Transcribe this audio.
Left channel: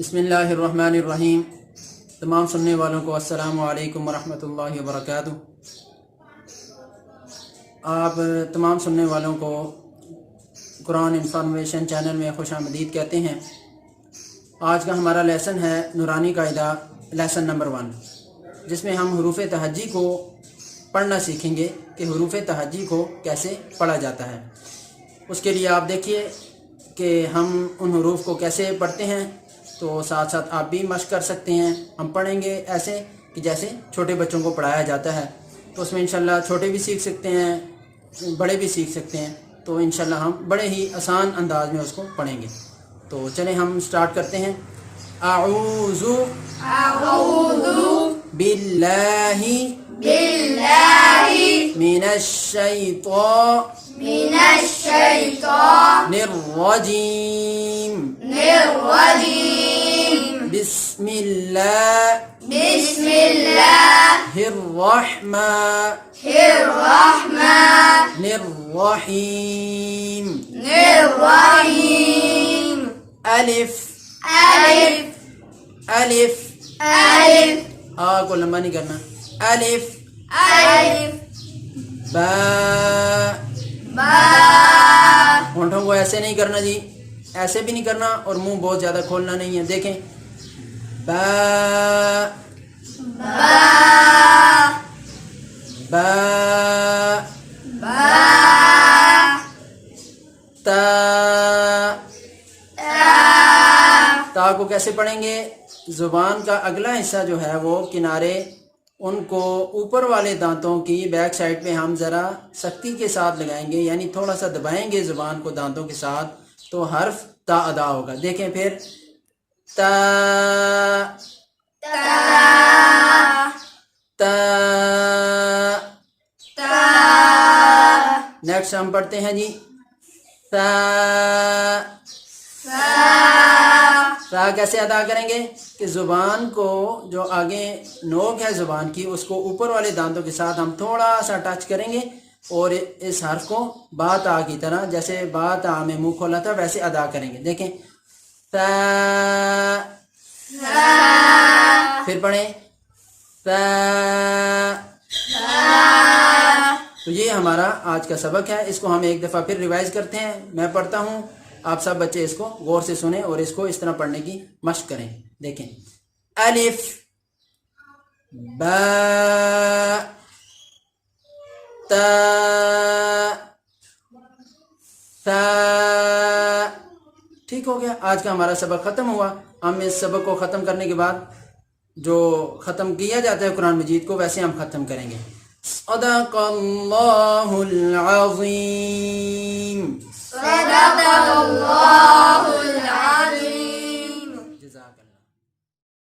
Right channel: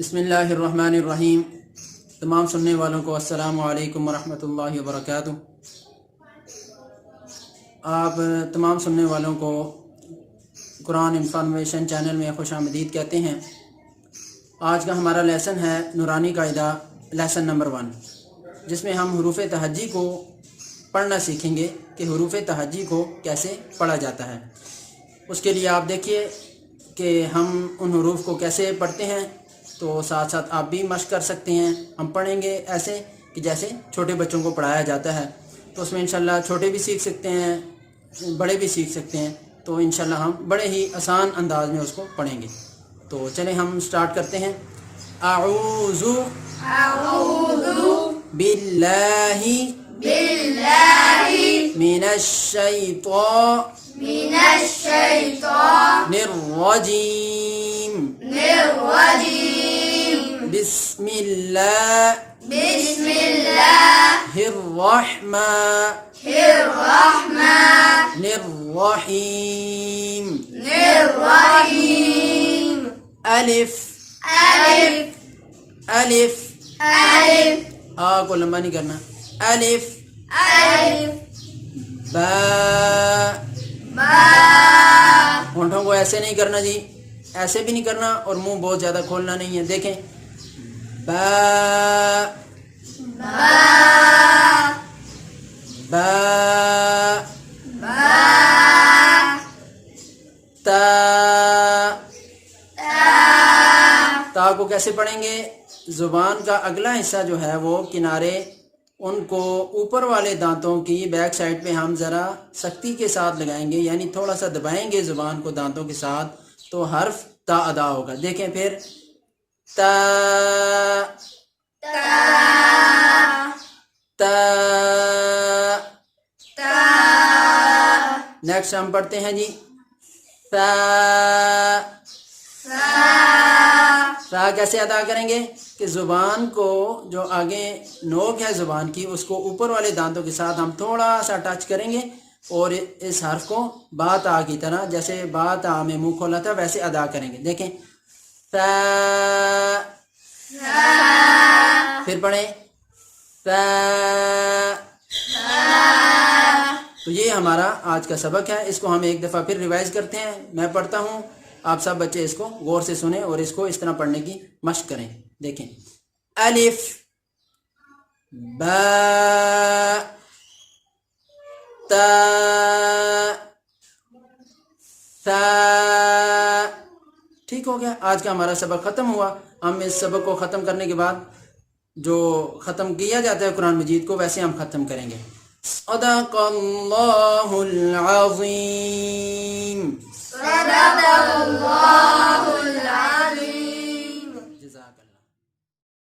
بسم اللہ الرحمن الرحیم۔ تمام سننے والوں کو السلام علیکم ورحمۃ اللہ وبرکاتہ۔ آپ تمام سننے والوں کو قرآن انفارمیشن چینل میں خوش آمدید کہتے ہیں۔ آج کا ہمارا لیسن ہے نورانی قاعدہ لیسن نمبر 1، جس میں ہم حروف تہجی کو پڑھنا سیکھیں گے کہ حروف تہجی کو کیسے پڑھا جاتا ہے۔ اس کے لیے آپ دیکھیے کہ ہم ان حروف کو کیسے پڑھتے ہیں، تو ساتھ ساتھ آپ بھی مشق کر سکتے ہیں۔ ہم پڑھیں گے ایسے کہ جیسے چھوٹے بچوں کو پڑھایا جاتا ہے، تو اس میں انشاءاللہ چھوٹے بھی سیکھ سکتے ہیں، بڑے بھی سیکھ سکتے ہیں، تو انشاءاللہ ہم بڑے ہی آسان انداز میں اس کو پڑھیں گے۔ تو چلیں ہم سٹارٹ کرتے ہیں۔ اعوذ باللہ من الشیطان الرجیم بسم اللہ الرحمن الرحیم۔ الف آ کو لمبا نہیں کرنا۔ الف با، ہونٹوں کو ایسے نہیں کرنا جی، ایسے بھی نہیں کرنا اور منہ بہت زیادہ کھولنا نہیں ہے۔ دیکھیں، با با تا، تا کو کیسے پڑھیں گے؟ زبان کا اگلا حصہ جو ہے وہ کنارے، ان کو اوپر والے دانتوں کی بیک سائڈ پہ ہم ذرا سختی کے ساتھ لگائیں گے، یعنی تھوڑا سا دبائیں گے زبان کو دانتوں کے ساتھ، تو حرف تا ادا ہوگا۔ دیکھیں پھر، تا تا۔ نیکسٹ ہم پڑھتے ہیں جی سا۔ سا کیسے ادا کریں گے کہ زبان کو جو آگے نوک ہے زبان کی، اس کو اوپر والے دانتوں کے ساتھ ہم تھوڑا سا ٹچ کریں گے اور اس حرف کو با تا کی طرح، جیسے با تا میں منہ کھولا تھا ویسے ادا کریں گے۔ دیکھیں، سا، پھر پڑھیں سا۔ تو یہ ہمارا آج کا سبق ہے، اس کو ہم ایک دفعہ پھر ریوائز کرتے ہیں۔ میں پڑھتا ہوں، آپ سب بچے اس کو غور سے سنیں اور اس کو اس طرح پڑھنے کی مشق کریں۔ دیکھیں، الف با تا ثا۔ ٹھیک ہو گیا، آج کا ہمارا سبق ختم ہوا۔ ہم اس سبق کو ختم کرنے کے بعد جو ختم کیا جاتا ہے قرآن مجید کو، ویسے ہم ختم کریں گے۔ صدق اللہ العظیم۔